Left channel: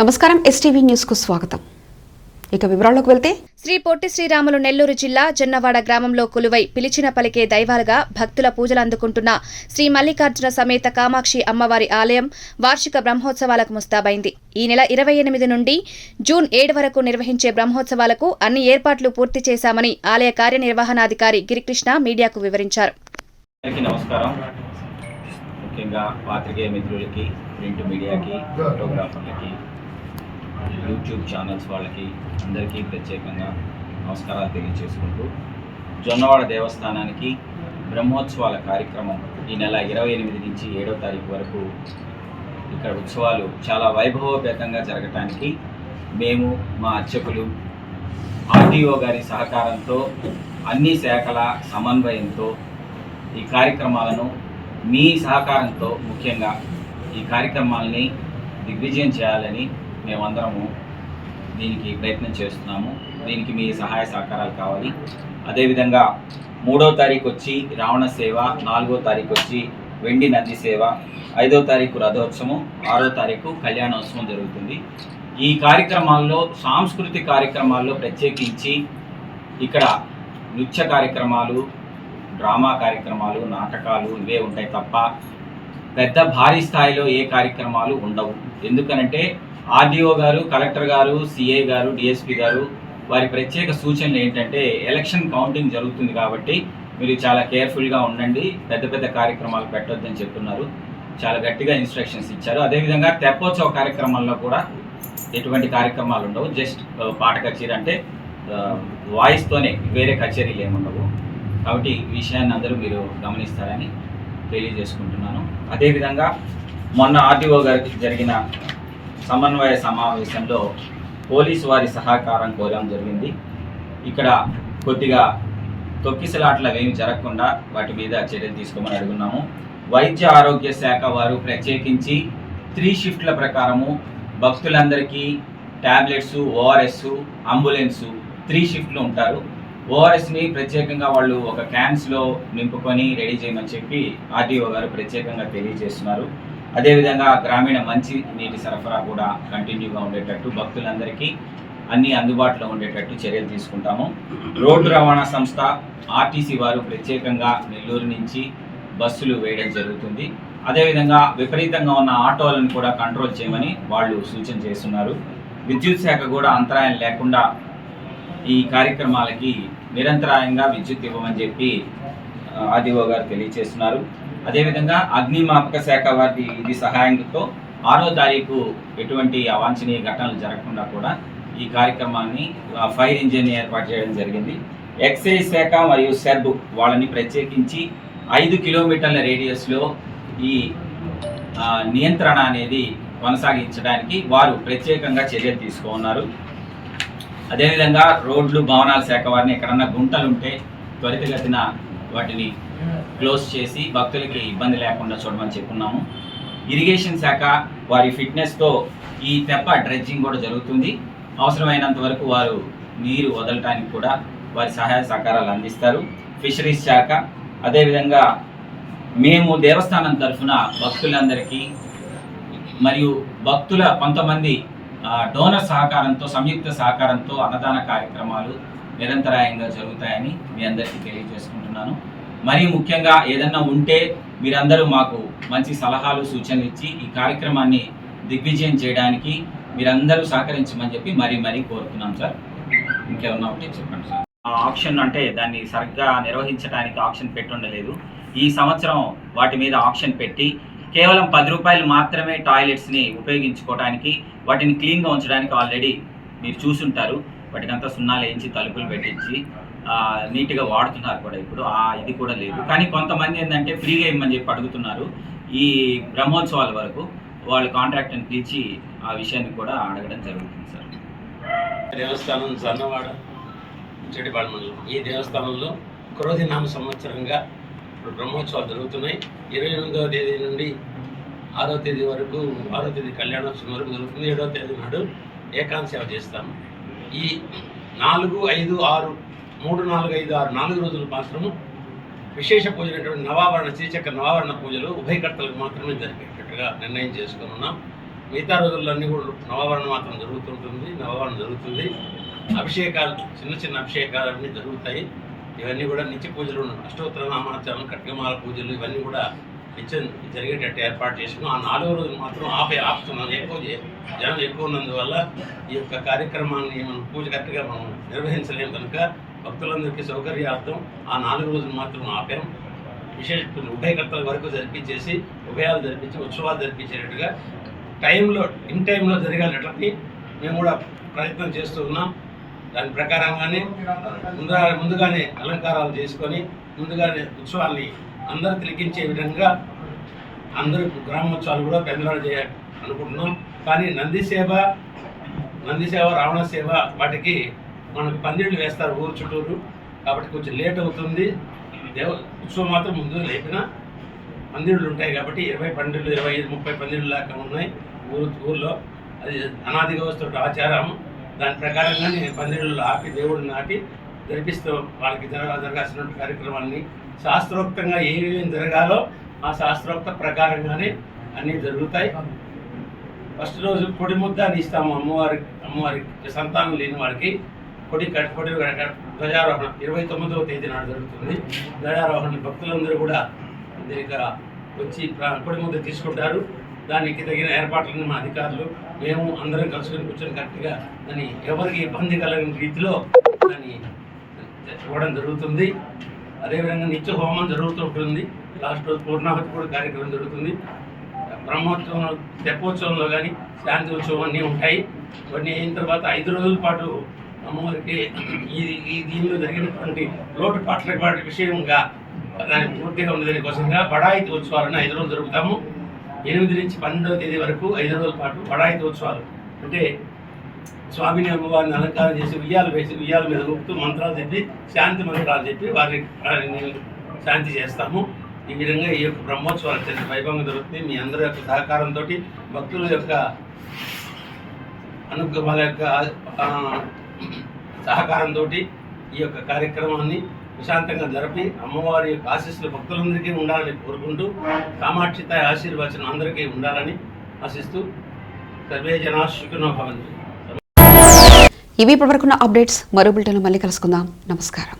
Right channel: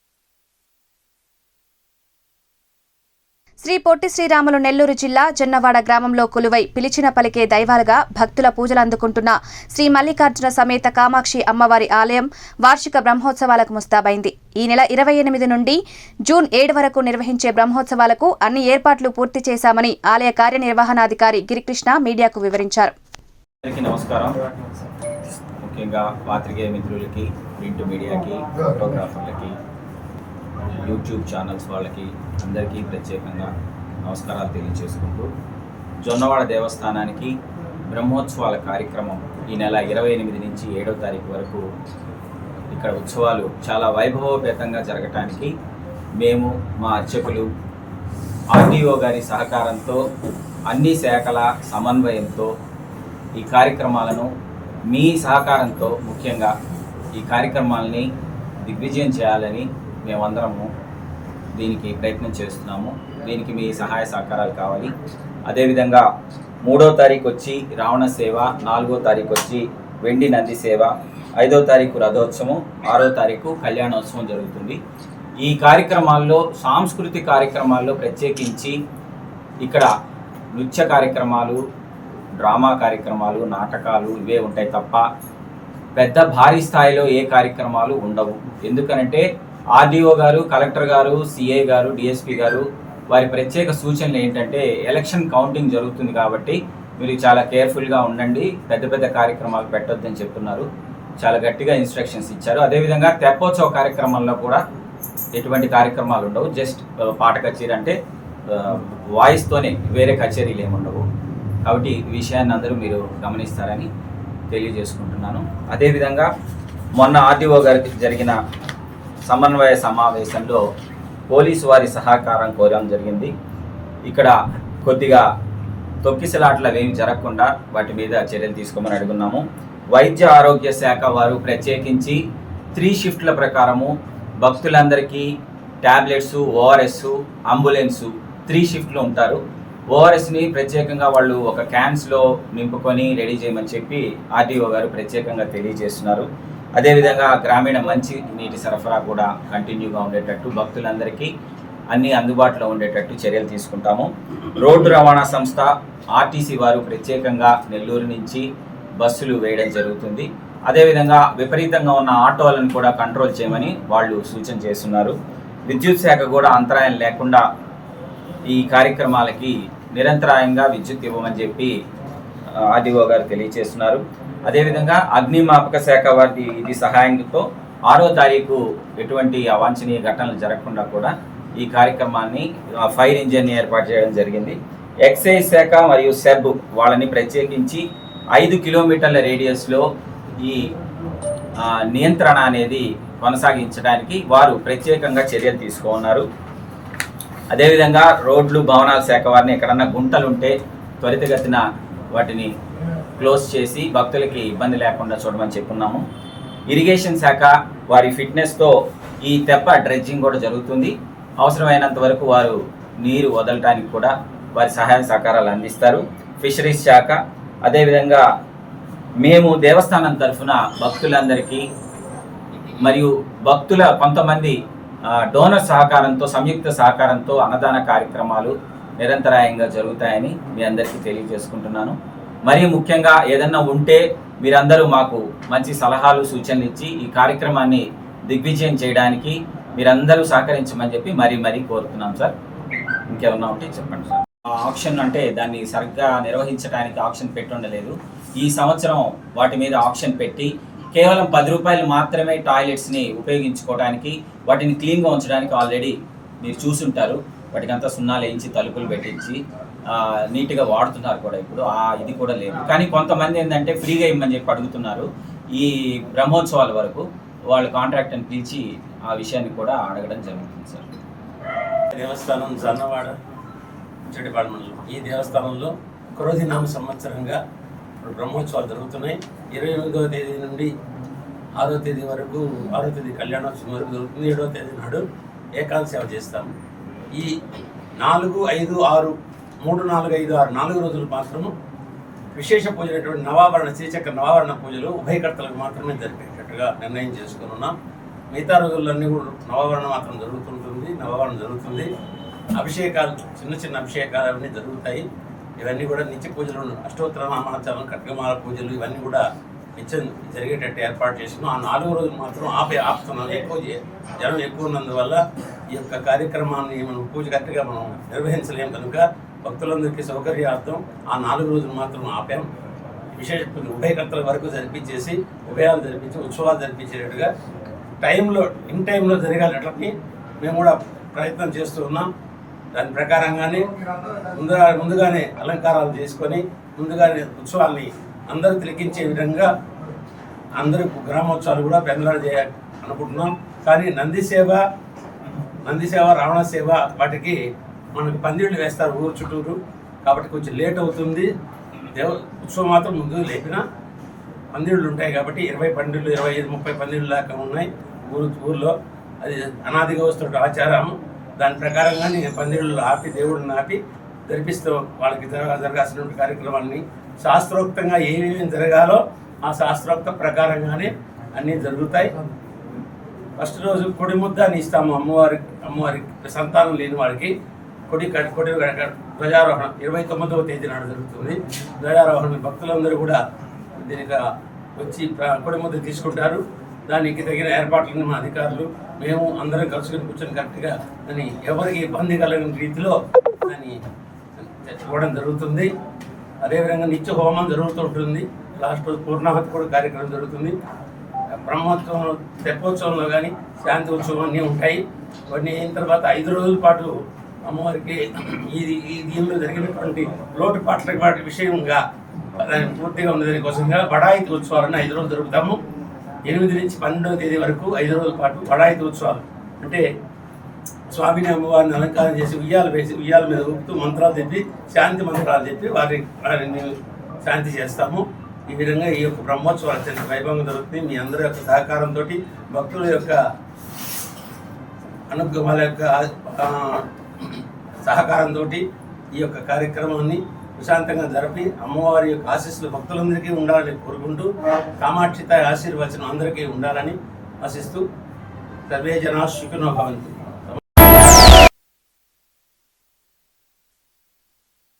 నమస్కారం STV news కు స్వాగతం. ఇక వివరాల్లోకి వెళ్తే శ్రీ పొట్టి శ్రీరాములు నెల్లూరు జిల్లా జొన్నవాడ గ్రామంలో కొలువై పిలిచిన పలికే దైవాలుగా భక్తుల పూజలు అందుకుంటున్న శ్రీ మల్లికార్జున సమేత కామాక్షి అమ్మవారి ఆలయం వార్షిక బ్రహ్మోత్సవాలకు ముస్తాబైంది. ఈ నెల 28 నుండి జూన్ 7 వరకు నిర్వహించే బ్రహ్మోత్సవాలకు అన్ని ఏర్పాట్లు పూర్తి చేశామని ఆలయ కార్యనిర్వహణాధికారి గిరికృష్ణ మీడియాకు వివరించారు. ముఖ్యంగా పాత్రికేయ మిత్రులకి, ప్రింట్ మీడియాకి, ఫోటోగ్రాఫర్లకి, యూట్యూబ్ ఛానల్స్ వాళ్ళకి అందరికీ ప్రత్యేకంగా నమస్కారాలు తెలియజేసుకుంటూ జొన్నవాడ దేవస్థానానికి బ్రహ్మోత్సవాల కార్యక్రమం ఈ నెల 28 నుంచి 7వ తారీఖు వరకు ఇక్కడ ఉత్సవాలు చాలా వైభవోపేతంగా జరగటానికి మేము మా అర్చకులు ఆర్టీఓ గారి సహకారంతో అన్ని శాఖల సమన్వయంతో ఈ కార్యక్రమాలను మీ సహకారంతో ముఖ్యంగా ఈ కార్యక్రమాలని దిగ్విజయం చేయాలని మేమందరము దీనికి ప్రయత్నం చేస్తున్నాము. దీనికి మీ సహాయ సహకారాలు కావాలి. అదేవిధంగా 3వ తారీఖు వచ్చి రావణ సేవ, 4వ తారీఖు వచ్చి వెండి నంది సేవ, 5వ తారీఖు రథోత్సవం, 6వ తారీఖు కళ్యాణోత్సవం జరుగుతుంది. ఈ కార్యక్రమాల్లో సాంస్కృతిక కార్యక్రమాల్లో ప్రత్యేకించి ఇక్కడ నృత్య కార్యక్రమాలు, డ్రామా కార్యక్రమాలు, నాటకాలు ఇవే ఉంటాయి తప్ప పెద్ద భారీ స్థాయిలో ఏ కార్యక్రమాలు ఉండవు. ఎందుకనంటే ఆర్డీఓ గారు, కలెక్టర్ గారు, సిఐ గారు, డిఎస్పీ గారు వారి ప్రత్యేక సూచనలు ఏంటంటే ఎలక్షన్ కౌంటింగ్ జరుగుతుంది కాబట్టి మీరు చాలా కేర్ఫుల్గా ఉండండి, పెద్ద పెద్ద కార్యక్రమాలు పెట్టొద్దని చెప్తున్నారు. చాలా గట్టిగా ఇన్స్ట్రక్షన్స్ ఇచ్చారు. అదేవిధంగా తెప్పోత్సవ కార్యక్రమాల్లో కూడా ఎటువంటి కార్యక్రమాలు ఉండవు. జస్ట్ పాట కచేరీ అంటే వాయిస్తోనే, వేరే కచేరీలు ఏముండవు. కాబట్టి ఈ విషయాన్ని అందరూ మీరు గమనిస్తారని తెలియజేసుకుంటున్నాను. అదేవిధంగా మొన్న ఆర్డీఓ గారికి జరిగిన సమన్వయ సమావేశంలో పోలీసు వారి సహకారం కోరడం జరిగింది. ఇక్కడ కొద్దిగా తొక్కిసలాట్లు అవేమి జరగకుండా వాటి మీద చర్యలు తీసుకోమని అడుగున్నాము. వైద్య ఆరోగ్య శాఖ వారు ప్రత్యేకించి 3 షిఫ్ట్ల ప్రకారము భక్తులందరికీ ట్యాబ్లెట్స్, ఓఆర్ఎస్, అంబులెన్సు 3 షిఫ్ట్లు ఉంటారు. ఓఆర్ఎస్ని ప్రత్యేకంగా వాళ్ళు ఒక క్యాన్స్లో నింపుకొని రెడీ చేయమని చెప్పి ఆర్టీఓ గారు ప్రత్యేకంగా తెలియజేస్తున్నారు. అదేవిధంగా గ్రామీణ మంచి నీటి సరఫరా కూడా కంటిన్యూగా ఉండేటట్టు భక్తులందరికీ అన్నీ అందుబాటులో ఉండేటట్టు చర్యలు తీసుకుంటాము. రోడ్డు రవాణా సంస్థ ఆర్టీసీ వారు ప్రత్యేకంగా నెల్లూరు నుంచి బస్సులు వేయడం జరుగుతుంది. అదేవిధంగా విపరీతంగా ఉన్న ఆటోలను కూడా కంట్రోల్ చేయమని వాళ్ళు సూచన చేస్తున్నారు. విద్యుత్ శాఖ కూడా అంతరాయం లేకుండా ఈ కార్యక్రమాలకి నిరంతరాయంగా విద్యుత్ ఇవ్వమని చెప్పి ఆర్డీఓ గారు తెలియజేస్తున్నారు. అదేవిధంగా అగ్నిమాపక శాఖ వారి ఇది సహాయంతో 6వ తారీఖు ఎటువంటి అవాంఛనీయ ఘటనలు జరగకుండా కూడా ఈ కార్యక్రమాన్ని ఫైర్ ఇంజిన్ ఏర్పాటు చేయడం జరిగింది. ఎక్సైజ్ శాఖ మరియు సెబ్ వాళ్ళని ప్రత్యేకించి 5 కిలోమీటర్ల రేడియస్లో ఈ నియంత్రణ అనేది కొనసాగించడానికి వారు ప్రత్యేకంగా చర్యలు తీసుకున్నారు. అదేవిధంగా రోడ్లు, భవనాల శాఖ వారిని ఎక్కడన్నా గుంటలుంటే త్వరితగతిన వాటిని క్లోజ్ చేసి భక్తులకి ఇబ్బంది లేకుండా చూడమని చెప్పున్నాము. ఇరిగేషన్ శాఖ వారి ఫిట్నెస్తో ఈ తెప్ప డ్రెడ్జింగ్ కూడా జరుగుతుంది. అవసరమైనంత వరకు వారు నీరు వదలటానికి కూడా వారి సహాయ సహకారాలు అందిస్తారు. ఫిషరీస్ శాఖ అదేవిధంగా మేము దేవస్థానం తరఫున భక్తులందరికీ మరియు భక్తుల కొంతమంది డోనర్ సహకారంతో, సంయుక్త సహకారంతో అన్నదాన కార్యక్రమాలు నిరంతరాయంగా జరుగుతాయని మీ అందరికీ తెలియజేసుకుంటున్నాను. మరీ ముఖ్యంగా ఏదన్నా ఉంటే మీరందరూ మాకు మంచి సలహాలు, సూచనలు ఇచ్చి ఈ కార్యక్రమాన్ని దిగ్విజయం చేయడానికి మీరందరూ సహకరించమని చెప్పి మరీ కోరుతున్నాం సార్. ఇంకేమన్నా ఉంటే చెప్పండి సార్. ఆక్షన్ అంటే దాన్ని సరిగ్గా నిర్వహించడానికి ఆక్షన్ పెట్టి ఉండలేదు. ఈ సంవత్సరం వాటి మీద ఆక్షన్ పెట్టి కేవలం 10 రూపాయలు మాత్రమే టాయిలెట్స్ని ఉపయోగించుకోవడానికి, వాటిని క్లీన్గా ఉంచడానికి ఆల్రెడీ మీరు చూసుంటారు. వాటికంతా సున్నాలు వేయించి, తలుపులు పెట్టించి నీట్గా వాడుతున్నారు కూడా. ఇప్పుడు ఇది కూడా లేదు. కానీ కొంతమంది ఏంటంటే ఫ్రీగా ఇవ్వమని చెప్పి అడుగుతున్నారు. ఈ బ్రహ్మోత్సవాల వరకు వాళ్ళు కాంట్రాక్ట్ని పిలిచి ఆ విషయాన్ని కూడా అడగడం జరుగుతుంది సార్. దేవస్థానం జొన్నవాడ చెడిపాడు మండలం. ఈ దేవస్థానంలో క్రోధినామ సంవత్సరంగా ఇప్పుడు బ్రహ్మోత్సవాలు జరుగుతున్నాయి. 28వ తేదీ నుండి 6వ తేదీ వరకు, 6వ తేదీ కళ్యాణోత్సవం వరకు జరుగుతుంది. 7వ తేదీ నాడు ఏకాంత సేవ చేస్తాము. ఈ 4, 5, 6, 3, 4, 5, 6 4 రోజులు మాత్రము విశేష పూజలైనటువంటి నవావరణ, శ్రీచక్ర నవావరణ పూజలు ఉభయకర్తలకు మాత్రమే జరిపేటట్టుగా నిర్ణయం చేసుకుని ఉన్నాం. మిగతా రోజులన్నీ కూడా నవావరణ మాత్రం నవావరణ జరుగుతుంది. అభిషేకాలు, చిన్న చిన్న అభిషేకాలు అన్నీ జరుగుతాయి. ఇవన్నీ కూడా నిత్య పూజలు, అష్టోత్తర నామాచరణ, ఖడ్గమాల పూజలు ఇవన్నీ కూడా నిత్యం జరిగేటట్టు ఏర్పాటు చేసినాం. ఆ 4వ రోజు మాత్రం ఆపుతున్నాం. జనం ఎక్కువ ఉన్నందువల్ల ఈ యొక్క కార్యక్రమాన్ని మనం పూజ కరెక్ట్గా మనం నిర్వహించలేము కనుక భక్తులందరికీ సౌకర్యార్థం ఆ 4 రోజులు మాత్రం ఆపాం. విశేష ఉభయకర్తల వరకు జరిపించేసి ఉభయాలు జరిపించి ఉత్సవాలు జరిపించేటట్టుగా ఇన్ టైంలో జరిగేటట్లని మేము కూడా ప్రయత్నం చేస్తూ ఉన్నాం. దాని ప్రకారంగానే ముందుగానే అలంకారాలు చేసుకొని ముందుగానే ఉత్సవాల్ని అందరూ తిలకించే విధంగా అందరూ గ్రామోత్సవాలు కూడా పెద్దలాడు చేయాలి అనుకుంటున్నాం. కానీ నంది సేవ, రావణ సేవ వాటికి మనకు పందిళ్ళు వేస్తారు ఊరు చుట్టూరు, కాబట్టి కొంచెం లేట్ అవుతుంది. ఉత్సవం మాత్రం ముందు లేపిన పందిళ్ళు ఉంటాయి కాబట్టి 20 పందిళ్ళు, 25-30 పందిళ్ళు దాకా ఉన్నాయి ఊర్లో. అది అనాదిగా వస్తున్న ఆచారం. దాని ప్రకారంగానే పందిళ్ళు ఆపి దేవుడిని ఆపి జరిపిస్తూ వాళ్ళకి జరగాల్సినటువంటి కార్యక్రమాన్ని శాస్త్రోక్తంగా ఏమేమి జరగాలో ఆ శాస్త్రోక్త ప్రకారంగానే అన్నీ జరుగుతాయి. ఫస్ట్ రోజు కొడి ముద్దని ఇస్తాము అమ్మవారి సంతానం లేని వారికి. కొడి ధ్వజారోహణ 29వ తేదీ నాడు జరుగుతుంది. ధ్వజారోహణ భక్తులందరూ కూడా దీనికి వచ్చి కొడి ముద్ద తీసుకుంటారు. దానికి తగిన ఏర్పాట్లను మా అధికారులు మేము అందరం కలుసుకొని కూర్చొని కరెక్ట్గా దాన్ని ఎవరికి ఇబ్బంది కలగని రీతిలో దాన్ని చూడడం జరుగుతుంది. అదేవిధంగా నిత్య హోమం జరుగుతుంటుంది. లాస్ట్ రోజు పూర్ణాహుతి కూడా కార్యక్రమం జరుగుతుంది. బ్రహ్మోత్సవంలో, తెప్పోత్సవంలో కానీ శాంతి ఉత్సవం అన్నీ ఉంటాయి. కొన్ని అయిన తర్వాత 5 రోజుల పాటు అమ్మవారికి ఈ దీనిలో జరిగినటువంటి లోటుపాట్ల విషయంగా పూర్తిగా ఉన్నదాని కోసంగా బడాయితీ ఉత్సవాలను 5 రోజులు జరుపుతాము. 8 నుంచి 12వ తేదీ వరకు 5 రోజుల పాటు బడాయితీ ఉత్సవాలు అంటే స్వామిని అమ్మవారిని అలంకారం చేసి ఉయ్యాల మీద ఊపుతూ మంత్రాలు చెప్పి శాంతి మంత్రాలు చెప్పి వారిని శాంతి చేస్తాము. ఈ విధంగా ఈ యొక్క బ్రహ్మోత్సవాలు అత్యంత వైభవంగా జరుగుతుంది. మీ అందరి యొక్క సహకారంతో, భక్తుల యొక్క వాళ్ళ యొక్క సహకారంతో ఈ యొక్క కార్యక్రమాన్ని ప్రశాంతంగా జరిపి అమ్మవారి యొక్క ఆశీస్సులు భక్తులందరికీ ఉండాలని కోరుకుంటూ కామాక్షిత ఆశీర్వచనం అందరికీ ఉండాలని ఆశిస్తూ సర్వే జనా సుఖినో భవంతు. ఇవి ఇప్పటివరకున్న అప్డేట్స్. మరో బులెటిన్లో మళ్ళీ కలుసుకుందాం. నమస్కారం.